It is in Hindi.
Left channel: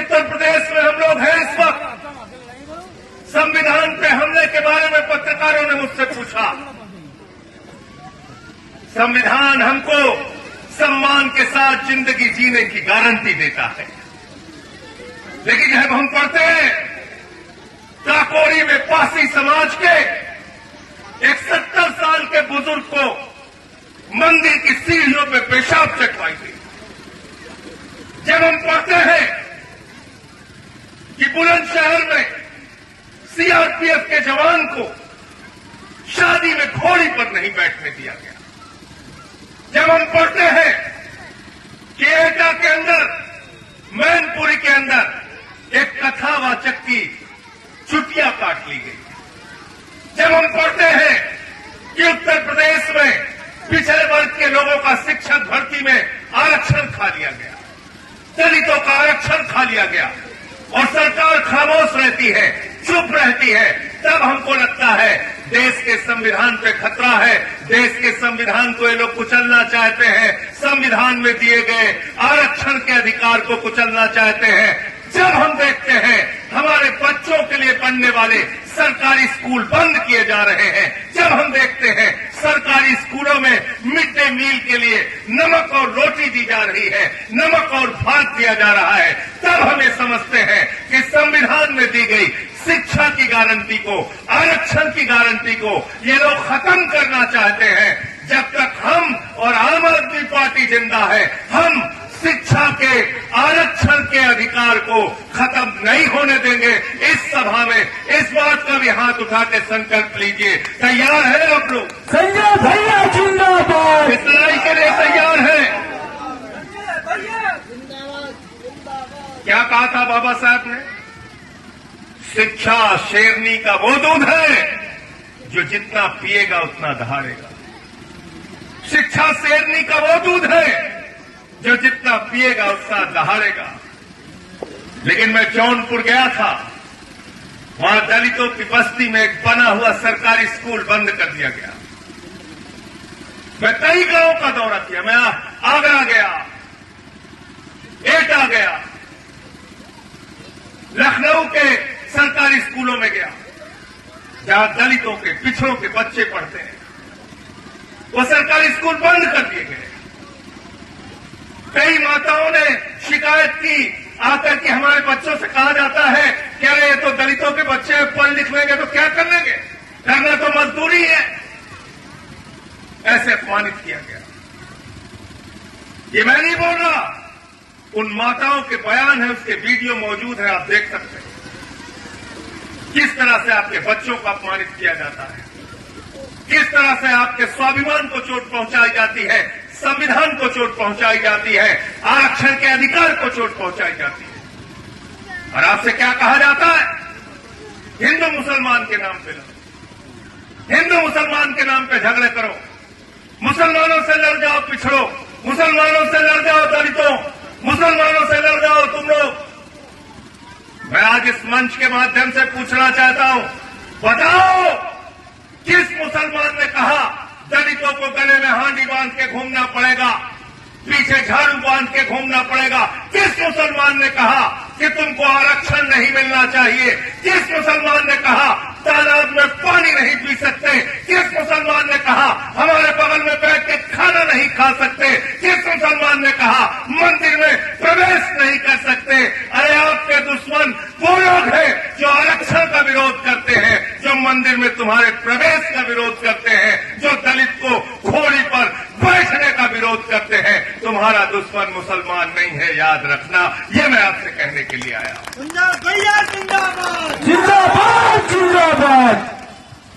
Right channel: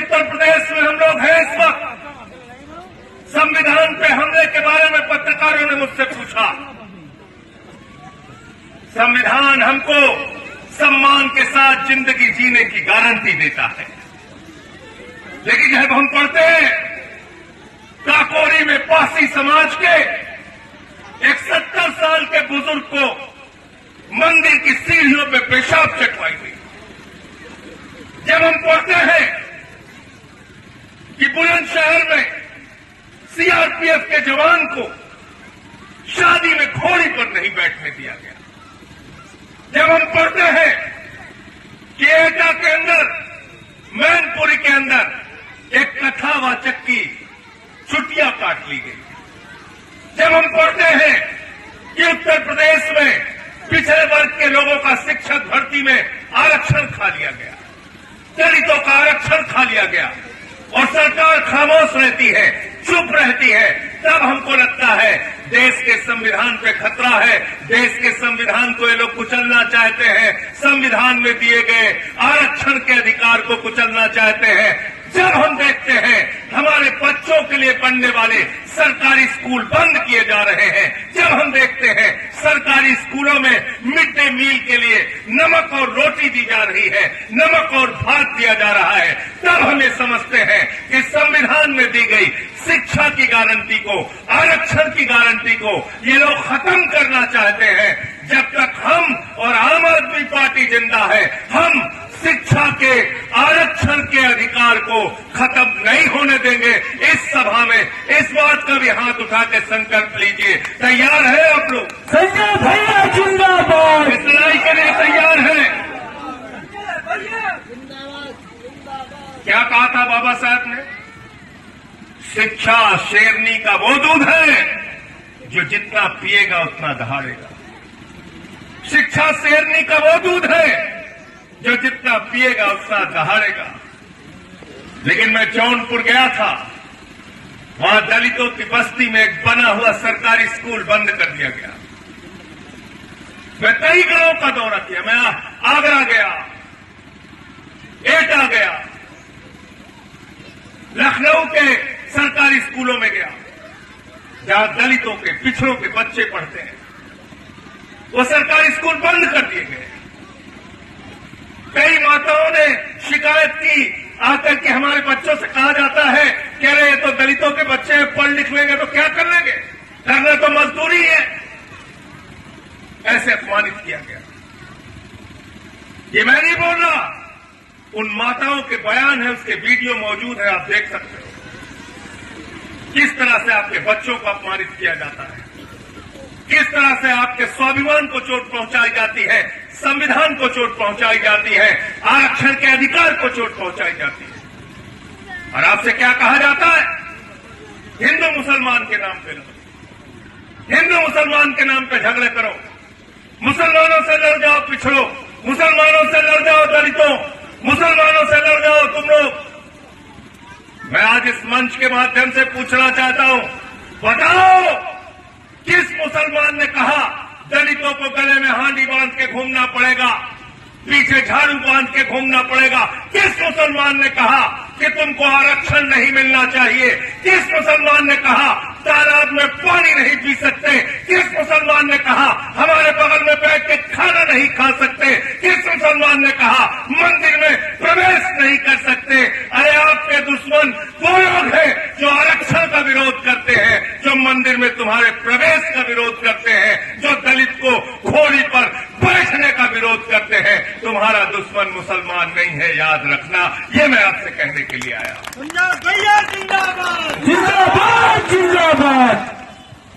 उत्तर प्रदेश में हम लोग हैं इस वक्त, संविधान पे हमले के बारे में पत्रकारों ने मुझसे पूछा। संविधान हमको सम्मान के साथ जिंदगी जीने की गारंटी देता है, लेकिन जब हम पढ़ते हैं काकोरी में पासी समाज के एक 70 साल के बुजुर्ग को मंदिर की सीढ़ियों पे पेशाब चटवाई गई, जब हम पढ़ते हैं कि बुलंदशहर में सीआरपीएफ के जवान को शादी में घोड़ी पर नहीं बैठने दिया गया, जब हम पढ़ते हैं कि एटा के अंदर मैनपुरी के अंदर एक कथावाचक की छुट्टियां काट ली गई, जब हम पढ़ते हैं कि उत्तर प्रदेश में पिछड़े वर्ग के लोगों का शिक्षक भर्ती में आरक्षण खा लिया गया, दलितों का आरक्षण खा लिया गया और सरकार खामोश रहती है, चुप रहती है, तब हमको लगता है देश के संविधान पे खतरा है, देश के संविधान को ये लोग कुचलना चाहते हैं, संविधान में दिए गए आरक्षण के अधिकार को कुचलना चाहते हैं। जब हम देखते हैं हमारे बच्चों के लिए पढ़ने वाले सरकारी स्कूल बंद किए जा रहे हैं, जब हम देखते हैं सरकारी स्कूलों में मिड डे मील के लिए नमक और रोटी दी जा रही है, नमक और भात दिया जा रहा है, तब हम ये समझते हैं कि संविधान में दी गई शिक्षा की गारंटी को, आरक्षण की गारंटी को ये लोग खत्म करना चाहते हैं। जब तक हम और आम आदमी पार्टी जिंदा है, हम शिक्षा के आरक्षण के अधिकार को खत्म नहीं होने देंगे। इस सभा में इस बात का भी हाथ उठा के संकल्प लीजिए। तैयार है आप लोग? जिंदाबाद। इस लड़ाई के लिए तैयार है? क्या कहा था बाबा साहब ने? शिक्षा शेरनी का वो दूध है जो जितना पिएगा उतना दहाड़ेगा। शिक्षा शेरनी का वो दूध है जो जितना पिएगा उतना दहाड़ेगा। लेकिन मैं जौनपुर गया था, वहां दलितों की बस्ती में एक बना हुआ सरकारी स्कूल बंद कर दिया गया। मैं कई गांवों का दौरा किया, मैं आगरा गया, एटा गया, लखनऊ के सरकारी स्कूलों में गया जहां दलितों के पिछड़ों के बच्चे पढ़ते हैं, वो सरकारी स्कूल बंद कर दिए गए। कई माताओं ने शिकायत की आकर के हमारे बच्चों से कहा जाता है कि अरे ये तो दलितों के बच्चे पढ़ लिख लेंगे तो क्या कर लेंगे, करना तो मजदूरी है। ऐसे अपमानित किया गया। ये मैं नहीं बोल रहा, उन माताओं के बयान है, उसके वीडियो मौजूद है, आप देख सकते हैं किस तरह से आपके बच्चों को अपमानित किया जाता है, किस तरह से आपके स्वाभिमान को चोट पहुंचाई जाती है, संविधान को चोट पहुंचाई जाती है, आरक्षण के अधिकार को चोट पहुंचाई जाती है। और आपसे क्या कहा जाता है? हिंदू मुसलमान के नाम पे, हिंदू मुसलमान के नाम पे झगड़े करो, मुसलमानों से लड़ जाओ पिछड़ो, मुसलमानों से लड़ जाओ दलितों, मुसलमानों से लड़ जाओ तुम लोग। मैं आज इस मंच के माध्यम से पूछना चाहता हूं, बताओ किस मुसलमान ने कहा दलितों को गले में हांडी बांध के घूमना पड़ेगा, पीछे झाड़ू बांध के घूमना पड़ेगा? किस मुसलमान ने कहा कि तुमको आरक्षण नहीं मिलना चाहिए? किस मुसलमान ने कहा तालाब में पानी नहीं पी सकते? किस मुसलमान ने कहा हमारे बगल में बैठ के खाना नहीं खा सकते? किस मुसलमान ने कहा मंदिर में प्रवेश नहीं कर सकते? अरे आपके दुश्मन वो लोग हैं जो आरक्षण का विरोध करते हैं, जो मंदिर में तुम्हारे प्रवेश का विरोध करते हैं, जो दलित को घोड़ी पर बैठने का विरोध करते हैं। तुम्हारा दुश्मन मुसलमान नहीं है, याद रखना। ये मैं आपसे कहने के लिए आया। जिंदाबाद जिंदाबाद।